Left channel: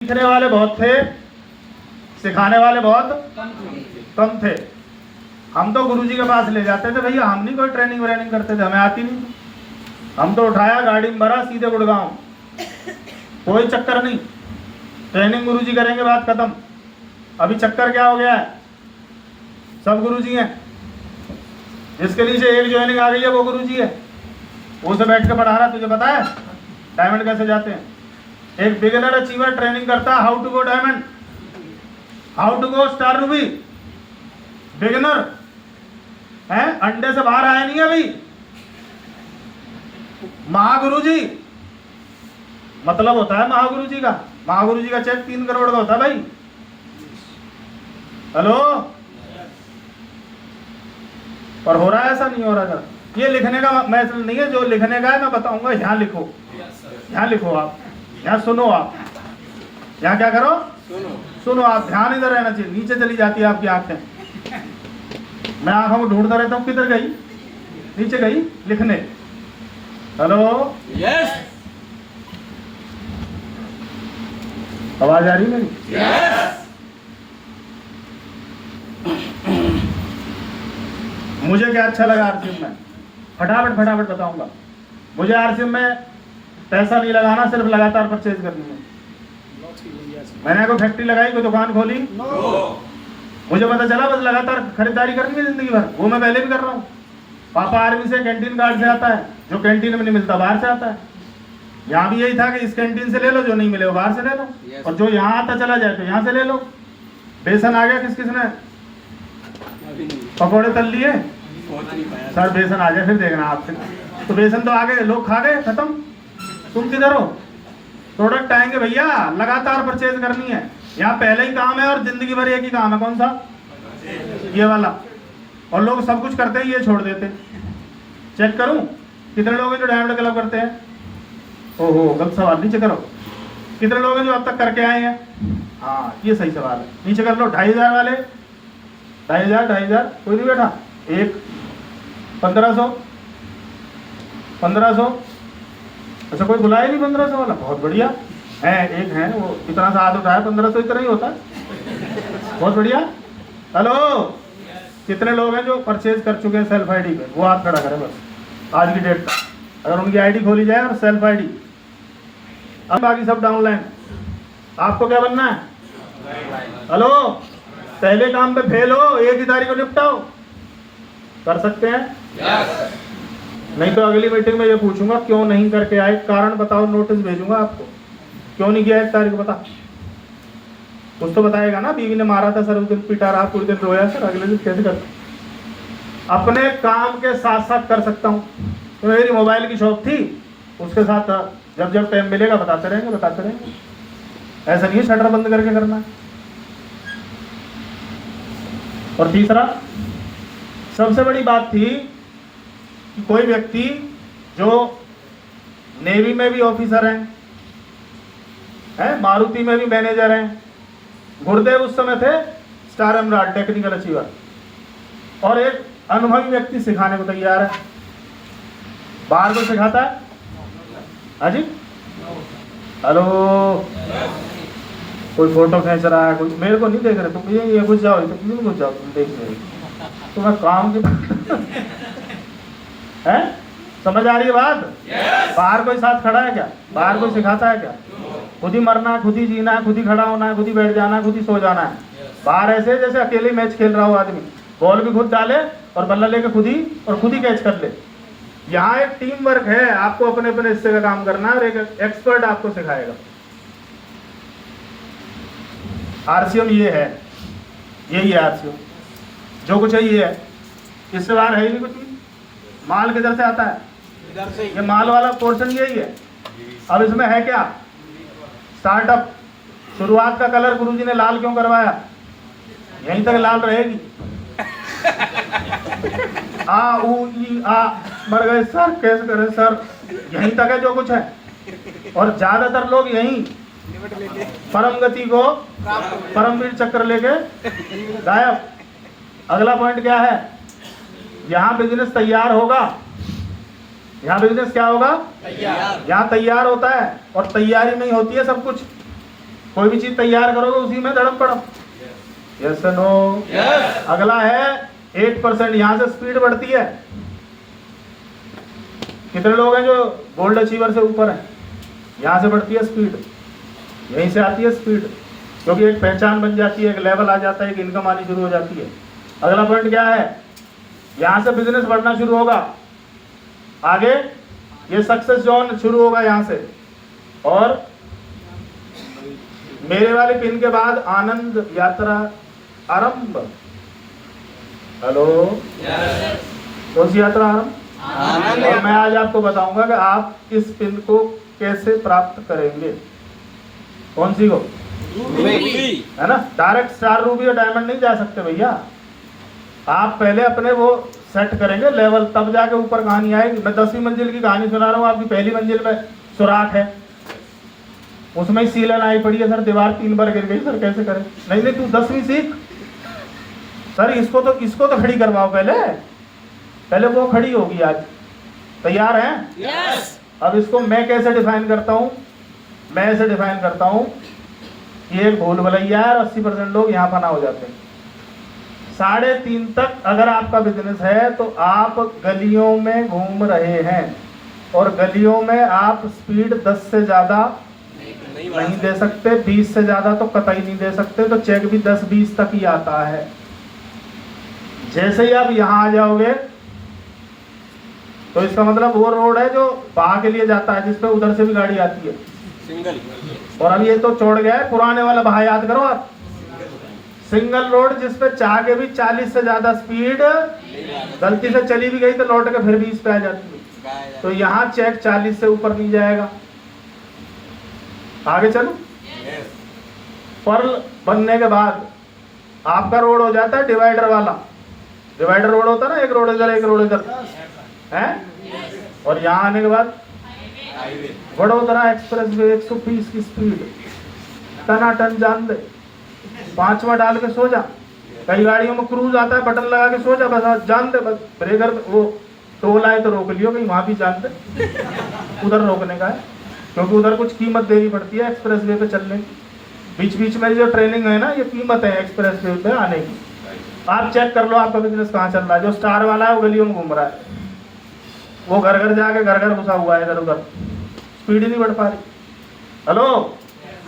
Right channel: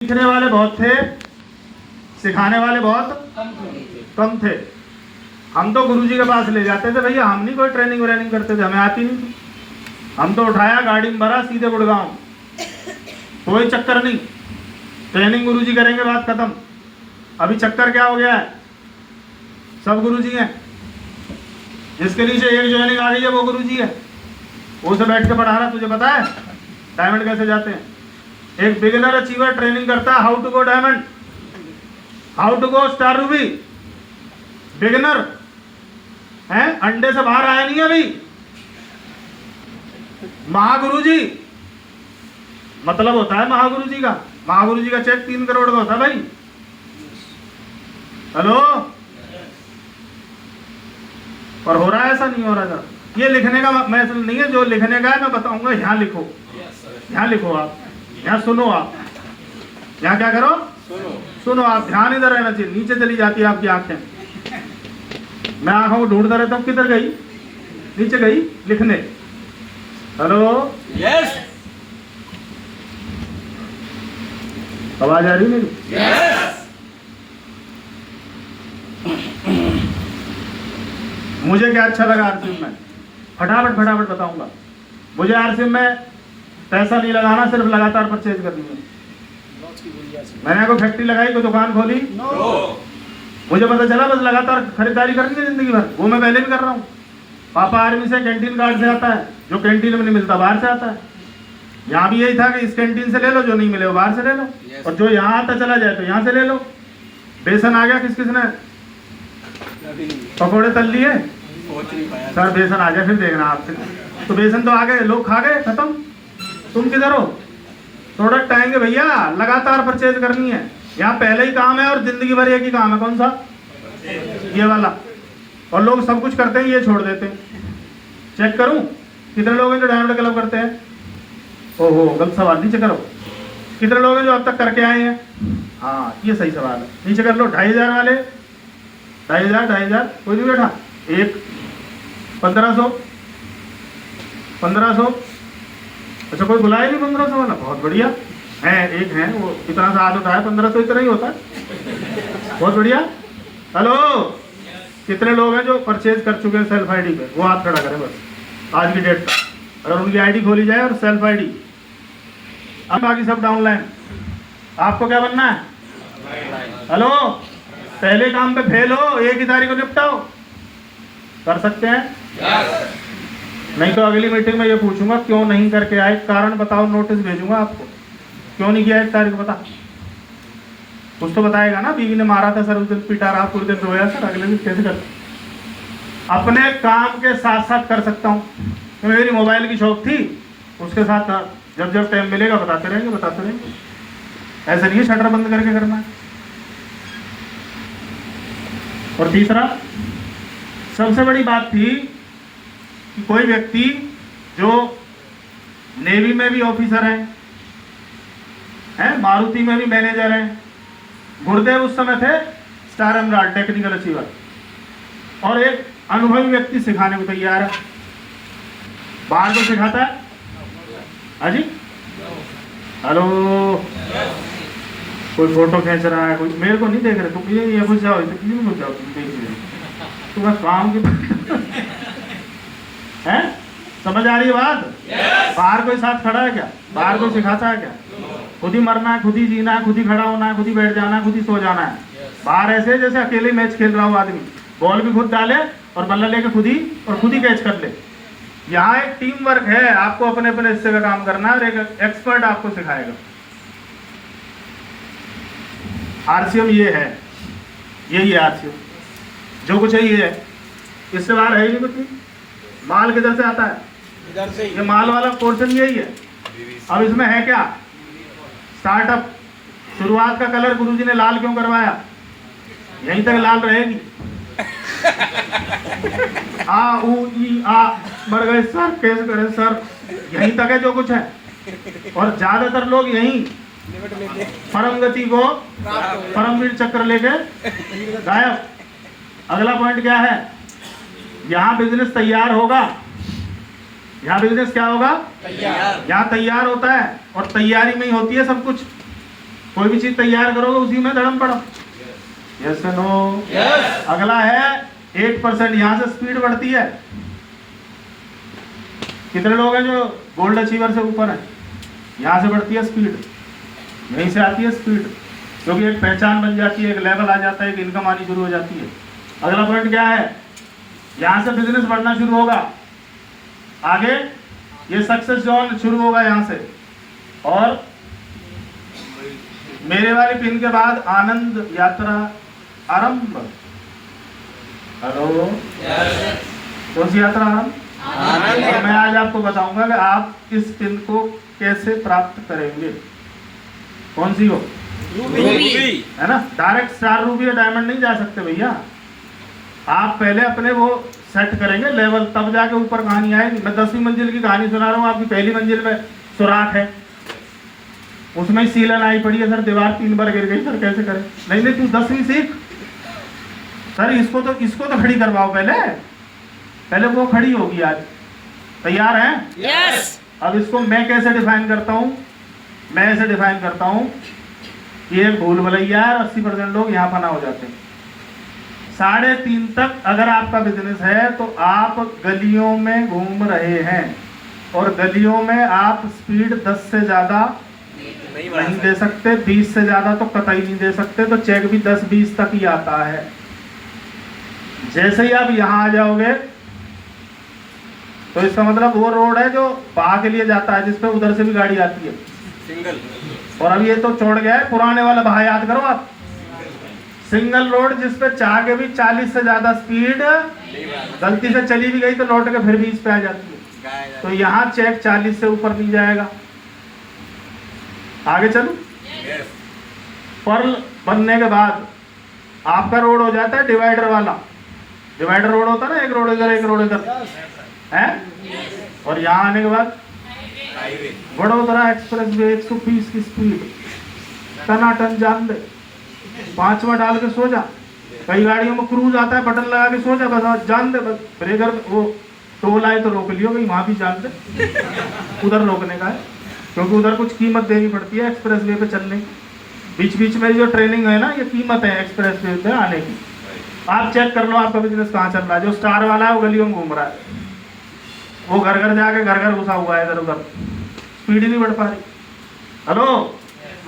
सीखने वाले बहुत थे, सिखाने वाले बहुत कम थे। हम तो गुरुजी के पास ले जाते थे, भैया हम नहीं कोई ट्रेनिंग व्रेनिंग करते थे, हमें आती नहीं थी। हम तो उठाया गाड़ी में भरा सीधे गुड़गांव, कोई चक्कर नहीं। ट्रेनिंग गुरुजी करेंगे, बात खत्म। अभी चक्कर क्या हो गया है, सब गुरुजी हैं। जिसके नीचे एक ज्वाइनिंग आ गई है वो गुरुजी है, उसे बैठ के पढ़ा रहा। तुझे पता है डायमंड कैसे जाते हैं? एक बिगिनर अचीवर ट्रेनिंग करता है how to go diamond, how to go star ruby. Beginner है, अंडे से बाहर आया नहीं है अभी। महागुरुजी मतलब होता है महागुरुजी का। महागुरुजी का चेक 3 करोड़ का होता है भाई। हेलो, और हो रहा है ऐसा? नहीं हो रहा। ये लिखने का मैसेज नहीं है, जो लिखने का है मैं बताऊंगा। यहाँ लिखो, यहाँ लिखो, आप यहाँ सुनो। आप यहाँ क्या करो, सुनो। आप ध्यान इधर रहना चाहिए, नीचे चली जाती है आपकी आंखें। मैं आंखों को ढूंढता रहता हूँ, किधर गई? नीचे गई लिखने। हेलो, यस, आवाज आ रही मेरी? यस। मुझे क्या अच्छा लगा आरसीएम में, फटाफट बताऊंगा। मुझे आरसीएम में पैसा नहीं लगाना, सिर्फ लगातार परचेज करनी है। मैंने कोई फैक्ट्री लगाई, कोई दुकान खोली, मुझे पता चला बस लगातार खरीदारी करनी है जिंदगी भर। वो मैं पहले भी कर रहा हूँ। पापा आर्मी से कैंटीन कार्ड से आता है, जो कैंटीन में नहीं मिलता बाहर से आता है। यहाँ भी यही था कि इस कैंटीन से ले लो, जो नहीं मिले वो बाहर से ले लो, और जो यहाँ आता चला जाए तो यहाँ से ले लो। बेसन आ गया, किस किसने पकौड़े तल लिए? सर बेसन आ गया, फिर देखना आपसे। तो बेसन तो आ गए, लोग खा गए, खत्म। तुम किधर हो? प्रोडक्ट आएंगे भैया, लगातार परचेज करनी है। यहाँ पहले ही काम है और जिंदगी भर एक ही काम है। कौन सा? ये वाला। और लोग सब कुछ करते हैं, ये छोड़ देते हैं। चेक करूं कितने लोग हैं जो डायमंड क्लब करते हैं? ओहो, गलत सवाल, नीचे करो। कितने लोग हैं जो अब तक करके आए हैं? हाँ, ये सही सवाल है, नीचे कर लो। 2500 वाले, 2500 कोई नहीं बैठा? एक 1500, अच्छा कोई बुलाया नहीं 1500 वाला? बहुत बढ़िया है, एक है वो इतना सा आदत है। 1500 इतना ही होता है, बहुत बढ़िया। हेलो, कितने लोग हैं जो परचेज कर चुके हैं सेल्फ आईडी पे? वो हाथ खड़ा करें बस आज की डेट पर। अगर उनकी आईडी खोली जाए और सेल्फ आईडी, अब बाकी सब डाउनलाइन। आपको क्या बनना है? हेलो, पहले काम पे फेल हो, एक ही तारीख को निपटाओ। कर सकते हैं? नहीं तो अगली मीटिंग में ये पूछूंगा क्यों नहीं करके आए, कारण बताओ, नोटिस भेजूंगा आपको। क्यों नहीं किया 1 तारीख को, बता। कुछ तो बताएगा ना। बीवी ने मारा था सर, उस दिन पीटा रहा, पूरे दिन रोया सर, अगले दिन कैसे करता? अपने काम के साथ साथ कर सकता हूँ। तो मेरी मोबाइल की शॉप थी, उसके साथ जब जब टाइम मिलेगा बताते रहेंगे। ऐसा नहीं है शटर बंद करके करना। और तीसरा, सबसे बड़ी बात थी कि कोई व्यक्ति जो नेवी में भी ऑफिसर हैं, मारुति में भी मैनेजर हैं। गुरुदेव उस समय थे स्टार एमराल्ड टेक्निकल अचीवर, और एक अनुभवी व्यक्ति सिखाने को तैयार है। बाहर को सिखाता है। हाजी, हेलो, कोई फोटो खींच रहा है, कोई मेरे को नहीं देख रहे, ये घुस जाओ, घुस जाओ, तुम देख रहे तो मैं काम की है। समझ आ रही है बात? बाहर कोई साथ खड़ा है क्या? बाहर कोई सिखाता है क्या? खुद ही मरना है, खुद ही जीना है, खुद ही खड़ा होना है, खुद ही बैठ जाना है, खुद ही सो जाना है। बाहर ऐसे जैसे अकेले मैच खेल रहा हो आदमी, बॉल भी खुद डाले और बल्ला लेके खुद ही कैच कर ले। यहाँ एक टीम वर्क है, आपको अपने अपने हिस्से का काम करना है और एक एक्सपर्ट आपको सिखाएगा। आरसीएम ये है, यही है आरसीएम। जो कुछ है ये है, इससे बाहर है ही नहीं कुछ भी। माल किधर से आता है? इधर से। ये माल वाला पोर्शन यही है। अब इसमें है क्या? स्टार्टअप। शुरुआत का कलर गुरुजी ने लाल क्यों करवाया? यहीं तक लाल रहेगी। आ ऊ ई आ मर गए सर, कैसे करें सर, यहीं तक है जो कुछ है। और ज्यादातर लोग यहीं परम गति को, परमवीर चक्र लेके गायब। अगला पॉइंट क्या है? यहाँ बिजनेस तैयार होगा, यहाँ बिजनेस क्या होगा? तैयार। यहाँ तैयार होता है और तैयारी में ही होती है सब कुछ। कोई भी चीज तैयार करोगे उसी में धड़म पड़ो। Yes no? अगला है 8%, यहाँ से स्पीड बढ़ती है। कितने लोग हैं जो गोल्ड अचीवर से ऊपर है? यहाँ से बढ़ती है स्पीड, यहीं से आती है स्पीड, क्योंकि एक पहचान बन जाती है, एक लेवल आ जाता है, एक इनकम आनी शुरू हो जाती है। अगला पॉइंट क्या है? यहाँ से बिजनेस बढ़ना शुरू होगा, आगे ये सक्सेस जोन शुरू होगा यहाँ से, और मेरे वाले पिन के बाद आनंद यात्रा आरंभ। हेलो, कौन सी यात्रा आरंभ? और मैं आज आपको बताऊंगा कि आप इस पिन को कैसे प्राप्त करेंगे। कौन सी हो? रूबी, है ना? डायरेक्ट स्टार रूबी या डायमंड नहीं जा सकते भैया। आप पहले अपने वो सेट करेंगे लेवल, तब जाके ऊपर कहानी आएगी। मैं 10वीं मंजिल की कहानी सुना रहा हूँ, आपकी पहली मंजिल में सुराख है, उसमें ही सीलन आई पड़ी है, सर दीवार 3 बार गिर गई, सर कैसे करें? नहीं नहीं, तू 10वीं सीख सर, इसको तो खड़ी करवाओ पहले वो खड़ी होगी आज। तैयार हैं? यस। अब इसको मैं कैसे डिफाइन करता हूँ? मैं ऐसे डिफाइन करता हूँ कि एक भूल भुलैया है, 80% लोग यहाँ फना हो जाते हैं। 3:30 तक अगर आपका बिजनेस है तो आप गलियों में घूम रहे हैं, और गलियों में आप स्पीड 10 से ज्यादा नहीं दे सकते, 20 से ज्यादा तो कतई नहीं दे सकते, तो चेक भी 10-20 तक ही आता है। जैसे ही आप यहाँ आ जाओगे तो इसका मतलब वो रोड है जो बाहर के लिए जाता है, जिसपे उधर से भी गाड़ी आती है सिंगल, और अब ये तो छोड़ गया है पुराने वाला बाहर, याद करो आप, सिंगल रोड जिसपे चाह के भी 40 से ज्यादा स्पीड गलती से चली भी गई तो लौट के फिर 20 पे आ जाती है। तो यहाँ चेक 40 से ऊपर नहीं जाएगा। आगे चलो, पर्ल बनने के बाद आपका रोड हो जाता है डिवाइडर वाला। डिवाइडर रोड होता है ना, एक रोड इधर एक रोड इधर है, और यहाँ आने के बाद वडोदरा एक्सप्रेस वे 120 की स्पीड, टनाटन जान दे, 5वां डाल के सो जा। कई गाड़ियों में क्रूज आता है, बटन लगा के सो जा, बस जान दे, बस ब्रेकर वो टोल आए तो रोक लियो, कहीं वहां भी जान दे, उधर रोकने का है, क्योंकि उधर कुछ कीमत देनी पड़ती है एक्सप्रेस वे पे चलने की। बीच बीच में जो ट्रेनिंग है ना, ये कीमत है एक्सप्रेस वे पे आने की। आप चेक कर लो आपका बिजनेस कहाँ चल रहा है। जो स्टार वाला है वो गलियों में घूम रहा है, वो घर घर जाके घर घर घुसा हुआ है इधर उधर, स्पीड ही नहीं बढ़ पा रही। हेलो,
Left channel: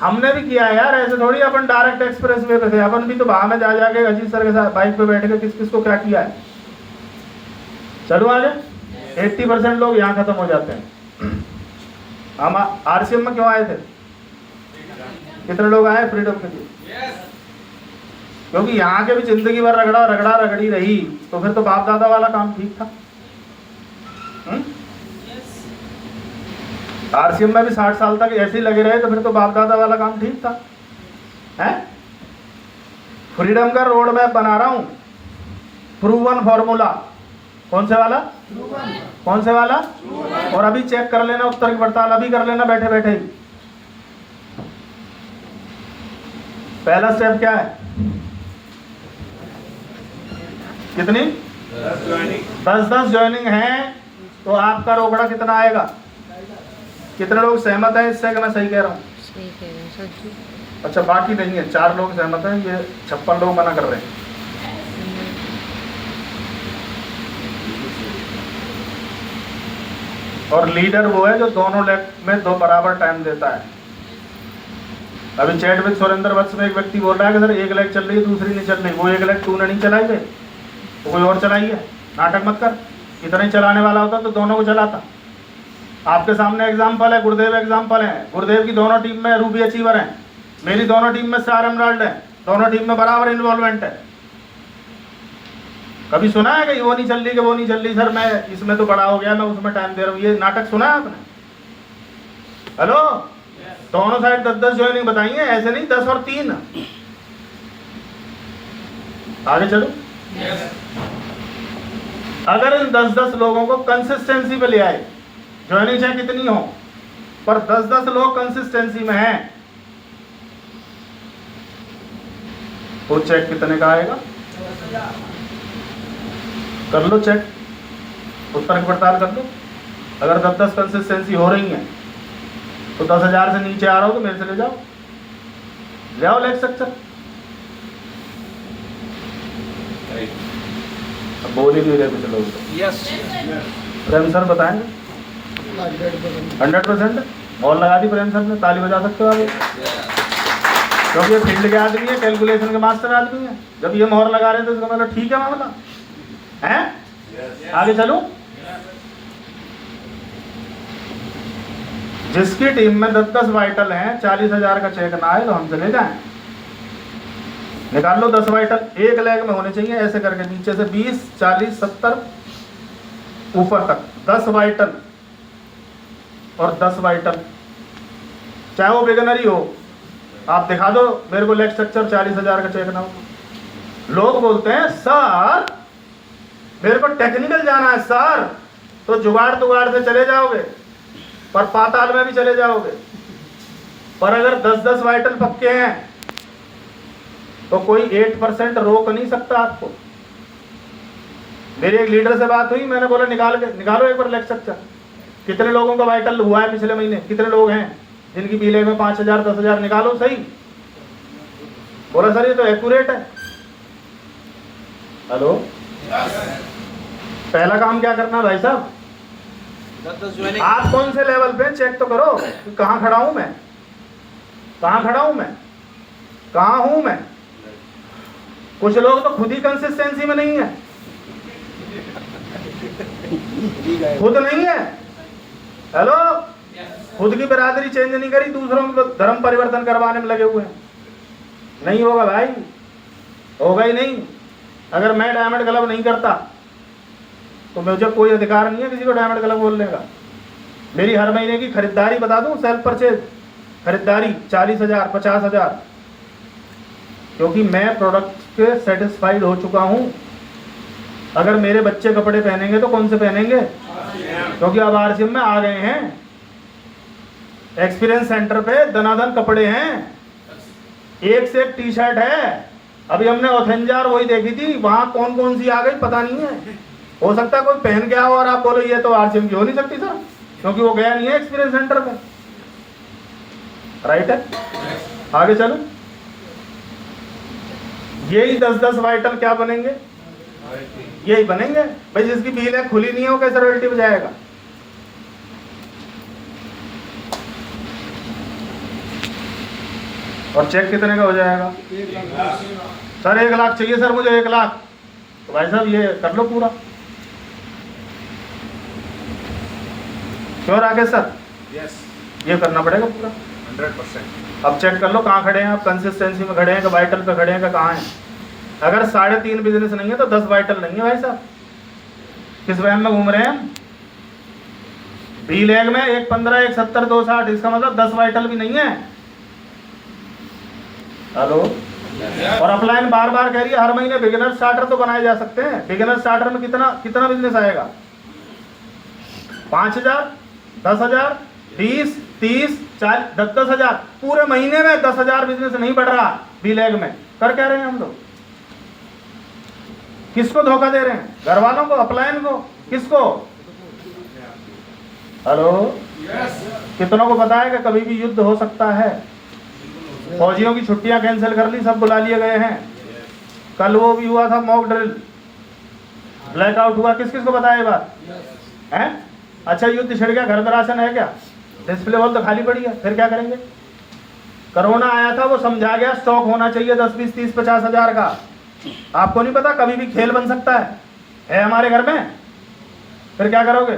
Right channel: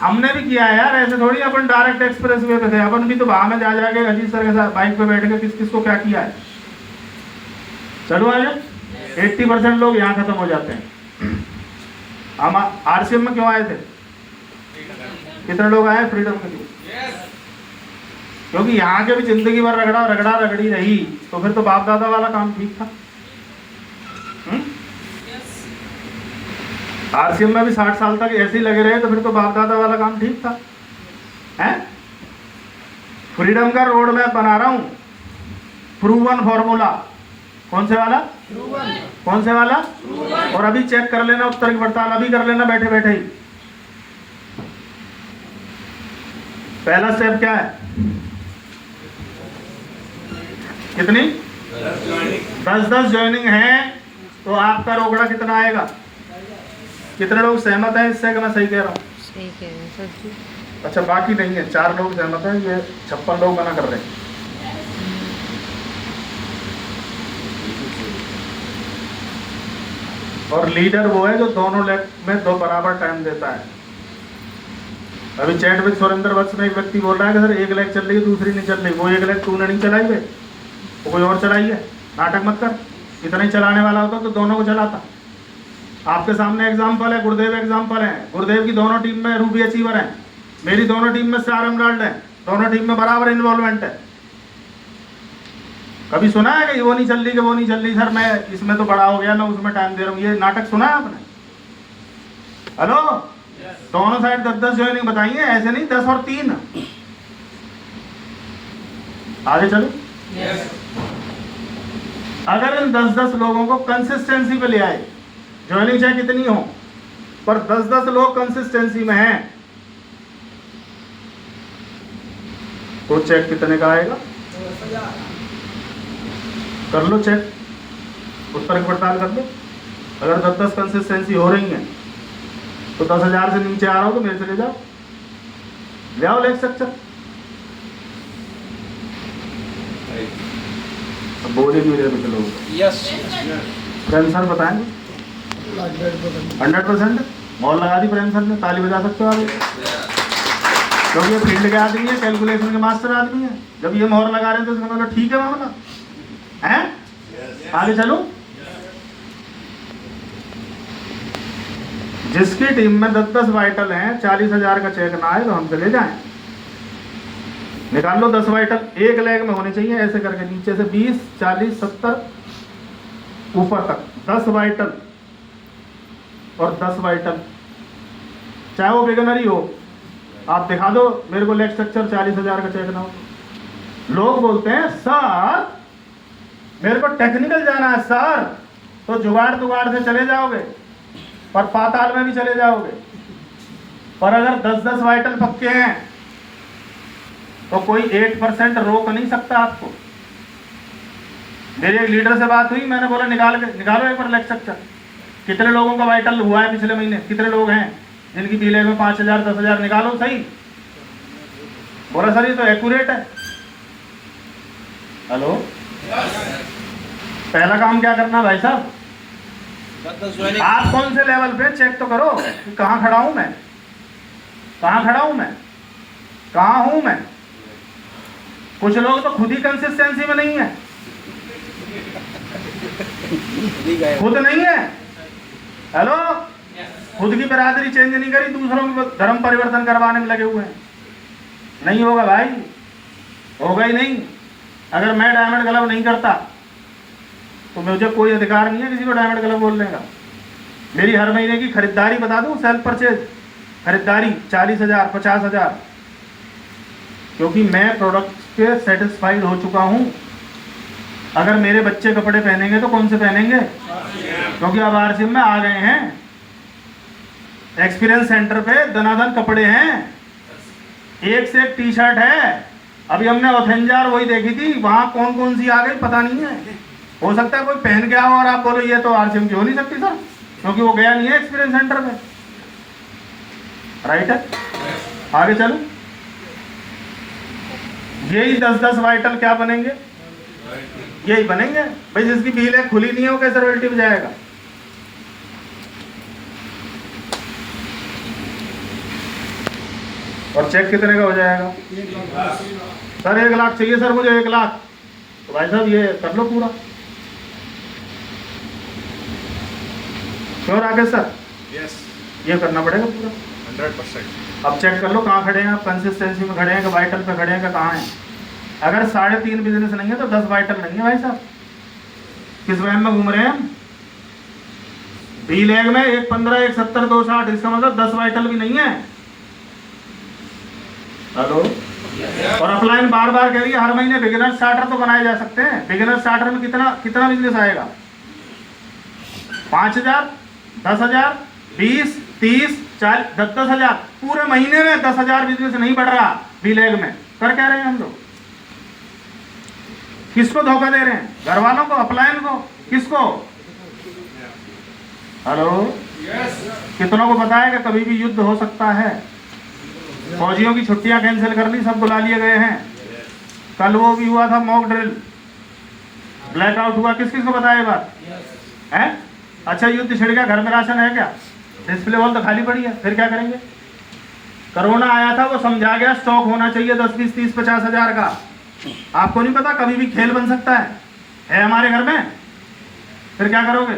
हमने भी किया है यार, ऐसे थोड़ी अपन डायरेक्ट एक्सप्रेस वे पे थे, अपन भी तो वहां में जा जाके अजीत सर के साथ बाइक पे बैठ के किस किस को क्या किया है। चलो आगे, 80% लोग यहाँ खत्म हो जाते हैं। हम आरसीएम में क्यों आए थे? कितने लोग आए फ्रीडम के लिए? क्योंकि यहाँ के भी जिंदगी भर रगड़ी रही, तो फिर तो बाप दादा वाला काम ठीक था। आरसीएम में भी 60 साल तक ऐसे ही लगे रहे, तो फिर तो बाप दादा वाला काम ठीक था। हैं? फ्रीडम का रोड मैप बना रहा हूं, प्रूवन फॉर्मूला। कौन से वाला? कौन से वाला? और अभी चेक कर लेना, उत्तर की पड़ताल अभी कर लेना बैठे बैठे ही। पहला स्टेप क्या है? कितनी? 10 ज्वाइनिंग है, तो आपका रोकड़ा कितना आएगा? कितने लोग सहमत हैं इससे कि मैं सही कह रहा हूँ? सही कह रहे हैं सर जी। अच्छा, बाकी नहीं है, 4 लोग सहमत हैं, ये 56 लोग मना कर रहे हैं। और लीडर वो है जो दोनों लेग में 2 बराबर टाइम देता है। अभी चैट विद सुरेंद्र वत्स में एक व्यक्ति बोल रहा है कि सर एक लेग चल रही है दूसरी नहीं चल रही। वो एक लेग तूने नहीं चलाई है, तो कोई और चलाई है। नाटक मत कर, इतना ही चलाने वाला होता तो दोनों को चलाता। आपके सामने एग्जाम्पल है, गुरुदेव एग्जाम्पल है। गुरुदेव की दोनों टीम में रूबी अचीवर हैं, मेरी दोनों टीम में स्टार एमराल्ड है, दोनों टीम में बराबर इन्वॉल्वमेंट है। कभी सुना है कि वो नहीं चल रही कि वो नहीं चल रही, सर मैं इसमें तो बड़ा हो गया, मैं उसमें टाइम दे रहा हूँ, ये नाटक सुना है आपने? हेलो, दोनों साइड 10 ज्वाइनिंग बताई है, ऐसे नहीं 10 और 3। आगे चलो। अगर इन 10 लोगों को कंसिस्टेंसी पे ले आए, ज्वाइनिंग चाहे कितनी हो, पर 10 लोग कंसिस्टेंसी में हैं, तो चेक कितने का आएगा? कर लो चेक, उत्तर की पड़ताल कर लो। अगर 10 कंसिस्टेंसी हो रही है तो 10,000 से नीचे आ रहा हो तो मेरे से ले जाओ। ले आओ लेग स्ट्रक्चर। बोल ही नहीं रहे कुछ लोग। यस प्रेम सर बताएंगे 100%। और लगा दी प्रेम सर ने, ताली बजा सकते हो आप, क्योंकि ये फील्ड के आदमी है, कैलकुलेशन के मास्टर आदमी है। जब ये मोहर लगा रहे थे तो उसका मतलब ठीक है मामला है। आगे चलो। जिसकी टीम में 10-10 वाइटल हैं, 40,000 का चेक ना आए तो हम चले जाएं। निकाल लो 10 वाइटल, एक लेग में होने चाहिए ऐसे करके, नीचे से 20, 40, 70 ऊपर तक 10 वाइटल और 10 वाइटल, चाहे वो बिगनर ही हो। आप दिखा दो मेरे को लेग स्ट्रक्चर 40,000 का चेक ना हो। लोग बोलते हैं सर मेरे को टेक्निकल जाना है सर, तो जुगाड़ से चले जाओगे पर पाताल में भी चले जाओगे। पर अगर 10-10 वाइटल पक्के हैं तो कोई 8% रोक नहीं सकता आपको। मेरे एक लीडर से बात हुई, मैंने बोला निकालो एक बार लेग स्ट्रक्चर, कितने लोगों का वाइटल हुआ है पिछले महीने, कितने लोग हैं जिनकी पीले में 5,000 10,000, निकालो सही। बोला सर ये तो एक्यूरेट है। हेलो, पहला काम क्या करना भाई साहब, आप कौन से लेवल पे चेक तो करो कि कहाँ खड़ा हूं मैं, कहाँ खड़ा हूं मैं, कहाँ हूं मैं। कुछ लोग तो खुद ही कंसिस्टेंसी में नहीं है, खुद नहीं है। हेलो, खुद की बिरादरी चेंज नहीं करी, दूसरों को धर्म परिवर्तन करवाने में लगे हुए हैं। नहीं होगा भाई, होगा ही नहीं। अगर मैं डायमंड क्लब नहीं करता तो मुझे कोई अधिकार नहीं है किसी को डायमंड क्लब बोलने का। मेरी हर महीने की खरीदारी बता दूं, सेल्फ परचेज खरीदारी 40,000 50,000, क्योंकि मैं प्रोडक्ट के सेटिस्फाइड हो चुका हूं। अगर मेरे बच्चे कपड़े पहनेंगे तो कौन से पहनेंगे, क्योंकि अब आरसीएम में आ गए हैं, एक्सपीरियंस सेंटर पे दनादन कपड़े हैं, एक से एक टी शर्ट है। अभी हमने ऑथेंजार वही देखी थी, वहां कौन कौन सी आ गई पता नहीं है। हो सकता है कोई पहन के आओ और आप बोलो ये तो आरसीएम की हो नहीं सकती सर, क्योंकि वो गया नहीं है एक्सपीरियंस सेंटर में। राइट है, आगे चलो। यही 10-10 वाइटल क्या बनेंगे, यही बनेंगे भाई। जिसकी बील है खुली नहीं है वो कैसे रॉयल्टी में जाएगा। और चेक कितने का हो जाएगा सर, 1 लाख चाहिए सर मुझे, 1 लाख। तो भाई साहब ये कर लो पूरा। क्यों राकेश सर, ये करना पड़ेगा पूरा 100%। अब चेक कर लो कहाँ खड़े हैं आप, कंसिस्टेंसी में खड़े हैं कि वाइटल पे खड़े हैं कि कहाँ हैं। अगर 3.5 बिजनेस नहीं है तो 10 वाइटल नहीं है भाई साहब। किस वहम में घूम रहे हैं हम। बी लेग में 1.15 1.70 2.60, इसका मतलब 10 वाइटल भी नहीं है। हेलो, और अपलाइन बार बार कह रही है हर महीने बिगिनर स्टार्टर तो बनाए जा सकते हैं। बिगिनर स्टार्टर में कितना बिजनेस आएगा, 5,000 10,000 20 30 40 10,000, पूरे महीने में 10,000 बिजनेस नहीं बढ़ रहा बी लेग में। कर क्या रहे हैं हम लोग, किसको धोखा दे रहे हैं, घर वालों को, अपलाइन को, किसको। हेलो, कितनों को पता है कि कभी भी युद्ध हो सकता है। फौजियों की छुट्टियां कैंसिल कर ली, सब बुला लिए गए हैं। कल वो भी हुआ था मॉक ड्रिल, ब्लैकआउट हुआ, किस किस को पता है ये बात है। अच्छा युद्ध छिड़ गया, घर में राशन है क्या, डिस्प्ले वॉल तो खाली पड़ी है, फिर क्या करेंगे। कोरोना आया था, वो समझा गया स्टॉक होना चाहिए 10 20 30 50 हजार का। आपको नहीं पता कभी भी खेल बन सकता है हमारे घर में। फिर क्या करोगे,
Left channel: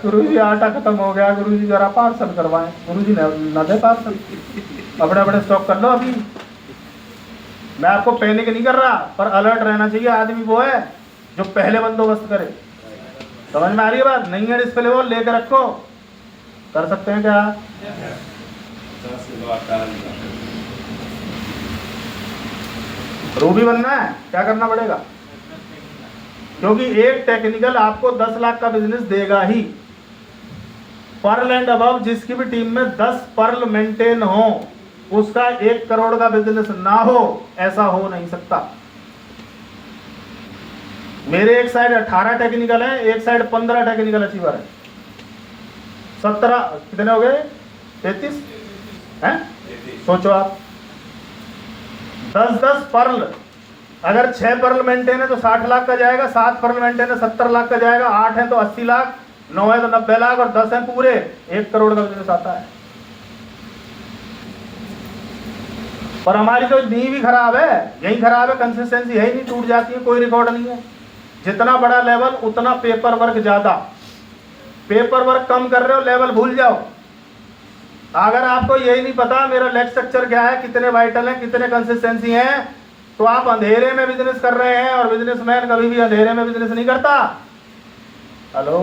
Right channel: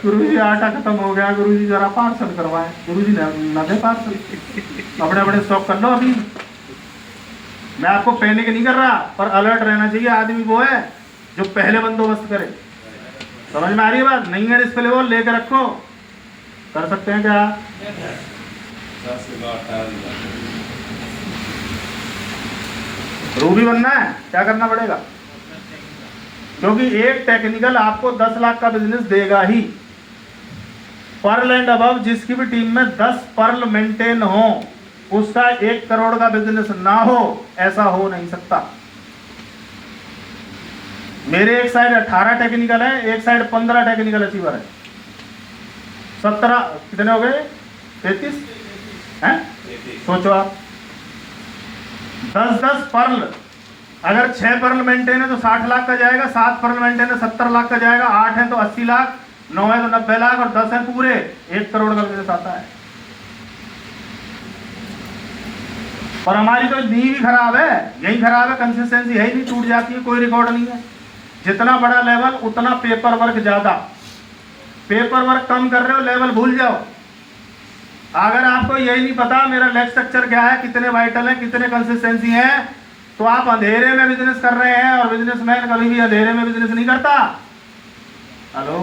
गुरुजी आटा खत्म हो गया, गुरुजी जरा पार्सल करवाएं, गुरुजी न दे पार्सल, अपने अपने स्टॉक कर लो। अभी मैं आपको पैनिक नहीं कर रहा, पर अलर्ट रहना चाहिए आदमी वो है जो पहले बंदोबस्त करे। समझ में आ रही है बात, नहीं है डिस्प्ले वो लेकर रखो। कर सकते हैं क्या, रूबी बनना है, क्या करना पड़ेगा, क्योंकि एक टेक्निकल आपको 10 लाख का बिजनेस देगा ही। पर्ल एंड अबव जिसकी भी टीम में 10 पर्ल मेंटेन हो, उसका 1 करोड़ का बिजनेस ना हो, ऐसा हो नहीं सकता। मेरे एक साइड 18 टेक्निकल है, एक साइड 15 टेक्निकल अचीवर है। 17 कितने हो गए, 33 हैं, सोचो आप 10-10 पर्ल, अगर 6 पर्ल मेंटेन है तो 60 लाख का जाएगा, 7 पर्ल मेंटेन है 70 लाख का जाएगा, 8 है तो 80 लाख, 9 है तो 90 लाख और 10 है पूरे 1 करोड़ का बिजनेस आता है। और हमारी तो नींव ही खराब है, यही खराब है, कंसिस्टेंसी यही नहीं, टूट जाती है, कोई रिकॉर्ड नहीं है। जितना बड़ा लेवल उतना पेपर वर्क ज्यादा, पेपर वर्क कम कर रहे हो, लेवल भूल जाओ। अगर आपको यही नहीं पता मेरा लेग स्ट्रक्चर क्या है, कितने वाइटल हैं, कितने कंसिस्टेंसी हैं, तो आप अंधेरे में बिजनेस कर रहे हैं, और बिजनेसमैन कभी भी अंधेरे में बिजनेस नहीं करता। हेलो,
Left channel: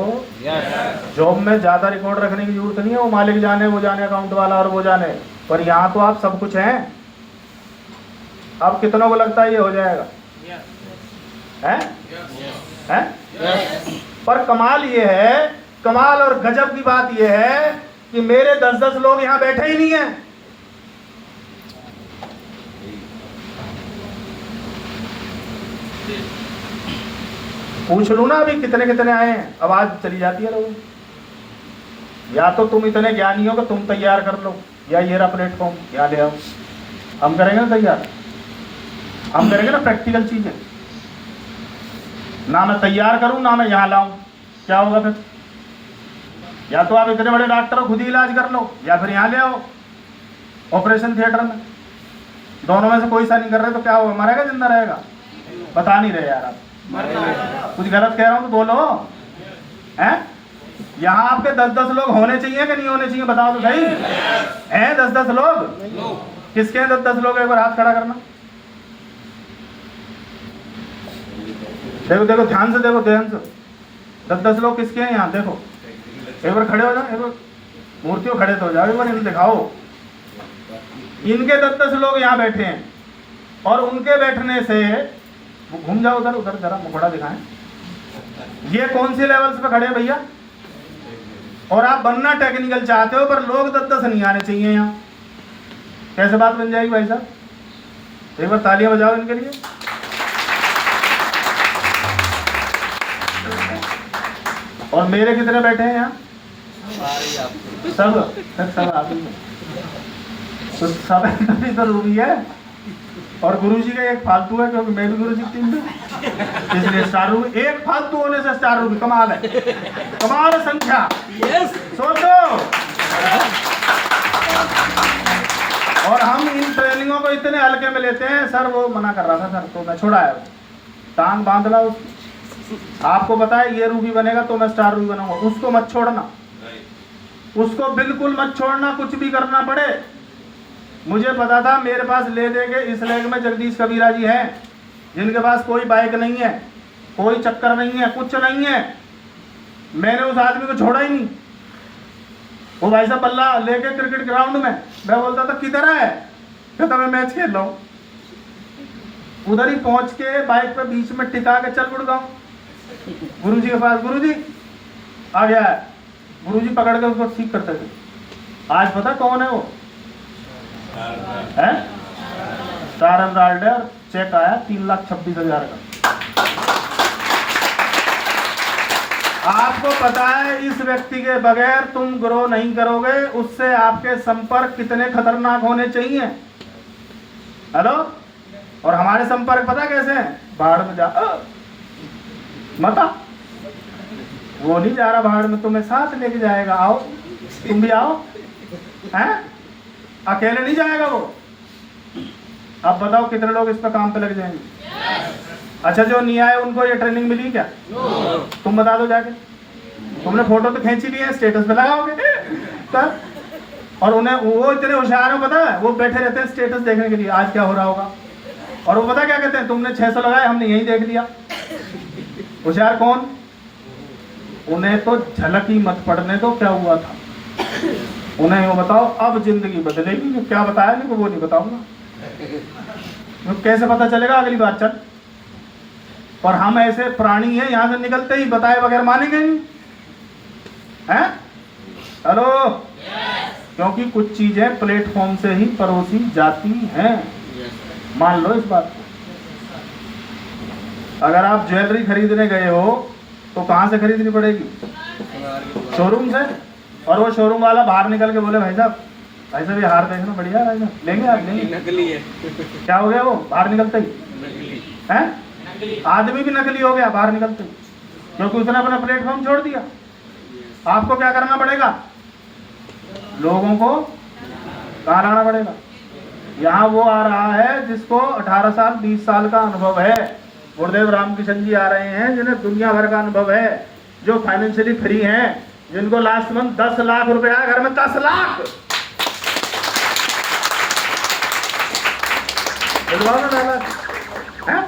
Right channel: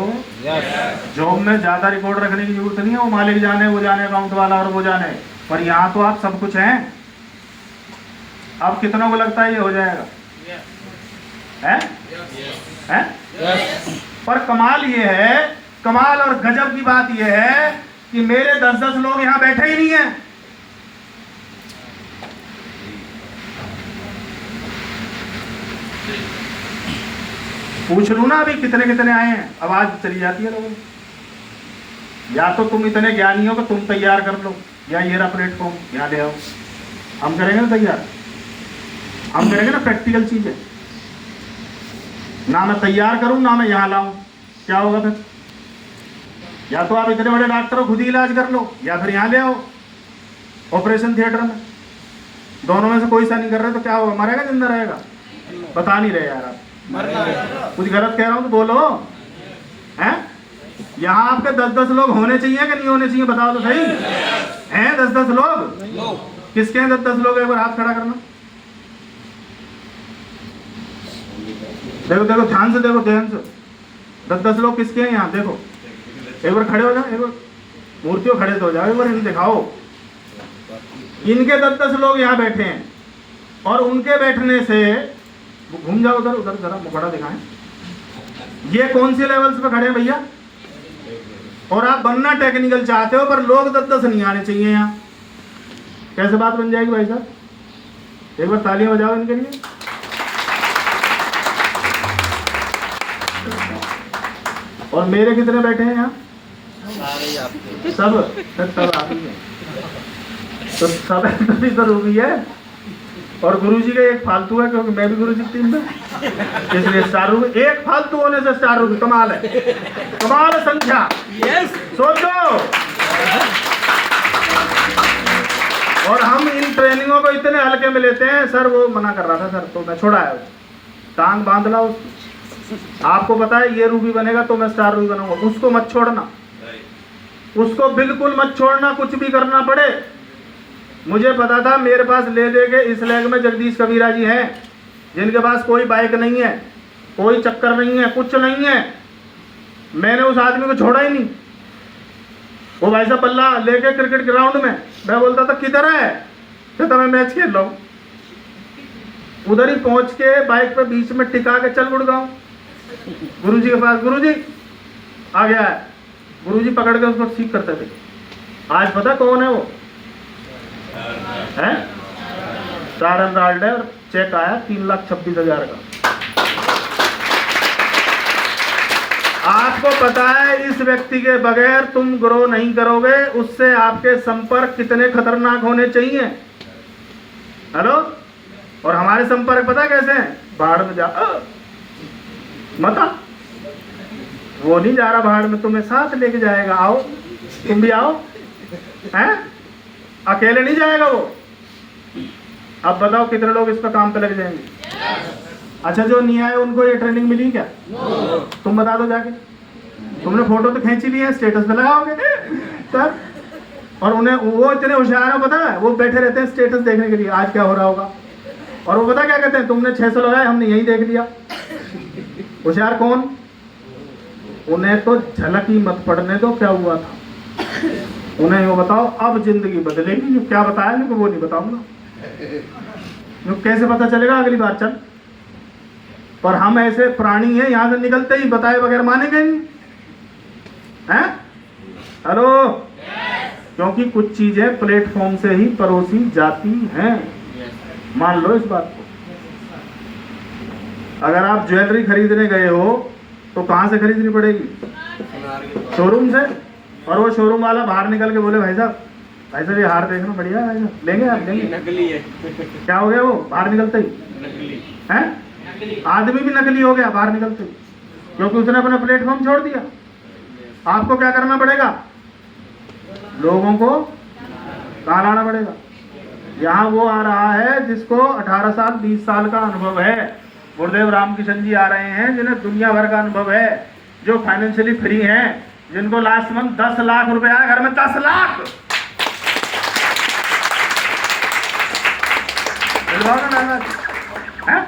जॉब में ज्यादा रिकॉर्ड रखने की जरूरत नहीं है, वो मालिक जाने, वो जाने, अकाउंट वाला और वो जाने, और यहाँ तो आप सब कुछ हैं। अब कितनों को लगता है ये हो जाएगा? हैं? पर कमाल ये है, कमाल और गजब की बात ये है कि मेरे 10-10 लोग यहाँ बैठे ही नहीं हैं। पूछ लू ना अभी कितने कितने आए हैं, आवाज चली जाती है लोगों। या तो तुम इतने ज्ञानी हो कि तुम तैयार कर लो, या ये रहा प्लेटफॉर्म, यहाँ ले आओ, हम करेंगे ना तैयार, हम करेंगे ना प्रैक्टिकल चीजें। ना मैं तैयार करूं ना मैं यहाँ लाऊं, क्या होगा फिर? या तो आप इतने बड़े डॉक्टर हो खुद ही इलाज कर लो, या फिर यहाँ ले आओ ऑपरेशन थिएटर में। दोनों में से कोई सा नहीं कर रहे तो क्या होगा? मरेगा जिंदा रहेगा? बता नहीं रहे यार आप, कुछ गलत कह रहा हूं तो बोलो। हैं? यहाँ आपके 10-10 लोग होने चाहिए कि नहीं होने चाहिए? बताओ तो सही। हैं 10-10 लोग? किसके हैं 10-10 लोग? एक बार हाथ खड़ा करना। देखो देखो, ध्यान से देखो, ध्यान से। 10-10 लोग किसके हैं यहाँ? देखो एक बार खड़े हो जाओ, एक बार मूर्तियों खड़े तो हो जाओ, एक बार इन्हें दिखाओ। इनके 10-10 लोग यहाँ बैठे हैं, और उनके बैठने से घूम जाओ उधर उधर, जरा मुखड़ा दिखाएं। ये कौन सी लेवल्स पे खड़े हैं भैया? और आप बनना टेक्निकल चाहते हो, पर लोग 10-10 नहीं आने चाहिए यहाँ। कैसे बात बन जाएगी भाई साहब? एक बार तालियां बजाओ इनके लिए। और मेरे कितने बैठे हैं यहाँ? सब आप ही हैं। तो सब तभी तो रूबी है, और गुरुजी का एक फालतू है, क्योंकि मैं भी गुरुजी की टीम में, इसलिए स्टार रूबी। एक फालतू होने से स्टार रूबी, कमाल है, कमाल है संख्या। सोचो। और हम इन ट्रेनिंगों को इतने हल्के में लेते हैं। सर वो मना कर रहा था सर, तो मैं छोड़ा है, टांग बांध ला उसकी। आपको पता है ये रूबी बनेगा तो मैं स्टार रूबी बनाऊंगा, उसको मत छोड़ना, उसको बिल्कुल मत छोड़ना, कुछ भी करना पड़े। मुझे पता था मेरे पास ले दे के इस लेग में जगदीश कबीरा जी हैं, जिनके पास कोई बाइक नहीं है, कोई चक्कर नहीं है, कुछ नहीं है। मैंने उस आदमी को छोड़ा ही नहीं। वो भाई साहब बल्ला लेके क्रिकेट ग्राउंड में, मैं बोलता था किधर है, कहता मैं मैच खेल रहा हूँ। उधर ही पहुंच के बाइक पे बीच में टिका के चल गुड़गांव गुरुजी के पास। गुरुजी आ गया है, गुरुजी पकड़ के उसको ठीक करते थे। आज पता कौन है वो? है स्टार एमराल्ड है, और चेक आया 3,26,000 का। आपको पता है इस व्यक्ति के बगैर तुम ग्रो नहीं करोगे, उससे आपके संपर्क कितने खतरनाक होने चाहिए। हेलो, और हमारे संपर्क पता कैसे हैं? बाहर में जा मत आ, वो नहीं जा रहा बाहर में, तुम्हें साथ लेके जाएगा, आओ तुम भी आओ। हैं? अकेले नहीं जाएगा वो। अब बताओ कितने लोग इस पर काम पे लग जाएंगे? अच्छा, जो नहीं आए उनको ये ट्रेनिंग मिली क्या? तुम बता दो जाके। तुमने फोटो तो खींची ली है, स्टेटस पे लगाओगे तब। और उन्हें वो इतने होशियार है, पता है, वो बैठे रहते हैं स्टेटस देखने के लिए आज क्या हो रहा होगा। और वो पता क्या कहते हैं? तुमने 600 लगाए, हमने यही देख लिया। होशियार कौन? उन्हें तो झलक ही मत पड़ने दो क्या हुआ था, उन्हें वो बताओ अब जिंदगी बदलेगी। जो क्या बताया नहीं वो नहीं बताऊंगा, तो कैसे पता चलेगा अगली बार? चल। और हम ऐसे प्राणी हैं, यहां से निकलते ही बताए बगैर मानेंगे नहीं। हैं? हेलो, क्योंकि कुछ चीजें प्लेटफॉर्म से ही परोसी जाती हैं, मान लो इस बात को। अगर आप ज्वेलरी खरीदने गए हो तो कहां से खरीदनी पड़ेगी? शोरूम से। और वो शोरूम वाला बाहर निकल के बोले भाई साहब ऐसे भी हार देखना बढ़िया है ना। लेंगे आप, लेंगे। नकली है। क्या हो गया वो बाहर निकलते ही? नकली हैं? आदमी भी नकली हो गया बाहर निकलते ही, क्योंकि उसने अपना प्लेटफॉर्म छोड़ दिया। आपको क्या करना पड़ेगा? लोगों को कहाँ लाना पड़ेगा? यहाँ वो आ रहा है जिसको 18 साल 20 साल का अनुभव है। गुरुदेव रामकिशन जी आ रहे हैं जिन्हें दुनिया भर का अनुभव है, जो फाइनेंशियली फ्री हैं, जिनको लास्ट मंथ 10 लाख रुपए आए घर में। 10 लाख है?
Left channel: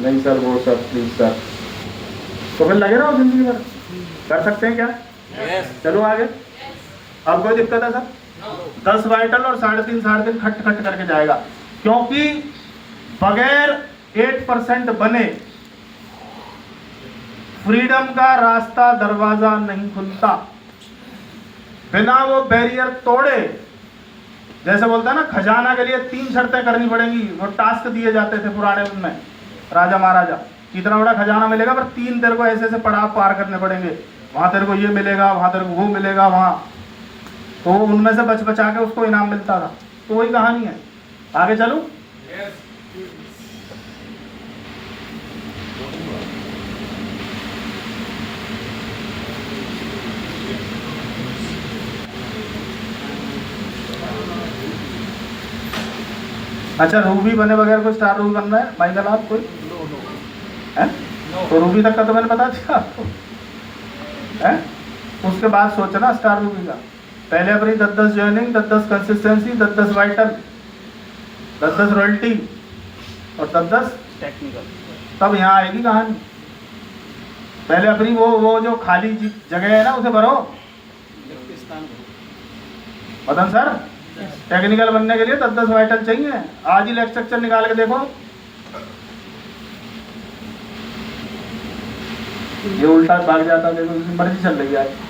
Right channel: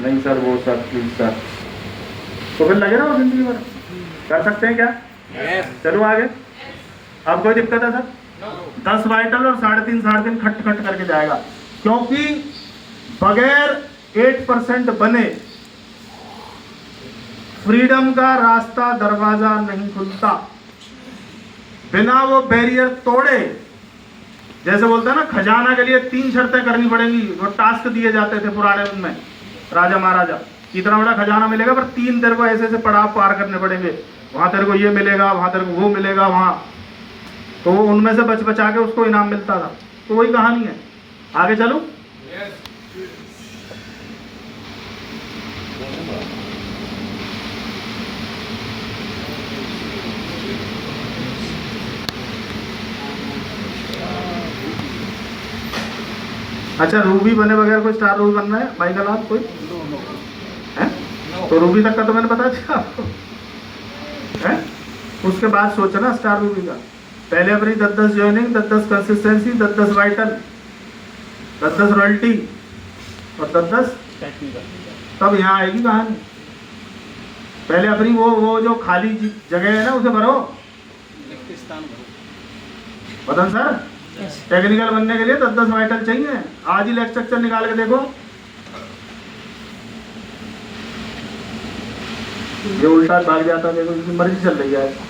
नहीं सर, वो सर प्लीज सर, तो फिर लगे रहो जिंदगी भर। कर सकते हैं क्या? चलो आगे। अब कोई दिक्कत है सर? 10 वाइटल और 3.5 खट खट करके जाएगा, क्योंकि बगैर 8% बने फ्रीडम का रास्ता दरवाजा नहीं खुलता। बिना वो बैरियर तोड़े, जैसे बोलता है ना, खजाना के लिए 3 शर्तें करनी पड़ेंगी। वो टास्क दिए जाते थे पुराने उनमें, राजा महाराजा, इतना बड़ा खजाना मिलेगा पर 3 तेरे को ऐसे ऐसे पड़ाव पार करने पड़ेंगे। वहां तेरे को ये मिलेगा, वहां तेरे को वो मिलेगा, वहां तो उनमें से बच बचा के उसको इनाम मिलता था। तो वही कहानी है। आगे चलूं? अच्छा, रूबी बने बगैर कोई स्टार रूबी बनना है माइकल? आप कोई है? तो रूबी तक का तो मैंने बता दिया आपको है। उसके बाद सोचना स्टार रूबी का। पहले अपनी 10-10 ज्वाइनिंग, 10-10 कंसिस्टेंसी, 10-10 वाइटल, 10-10 रॉयल्टी और 10-10 टेक्निकल। तब यहाँ आएगी कहानी। पहले अपनी वो जो खाली जगह है ना उसे भरो। पतन सर, टेक्निकल बनने के लिए 10-10 वाइटल चाहिए। आज ही लेक्चर निकाल के देखो। ये उल्टा भाग जाता, देखो इसकी मर्जी चल रही है।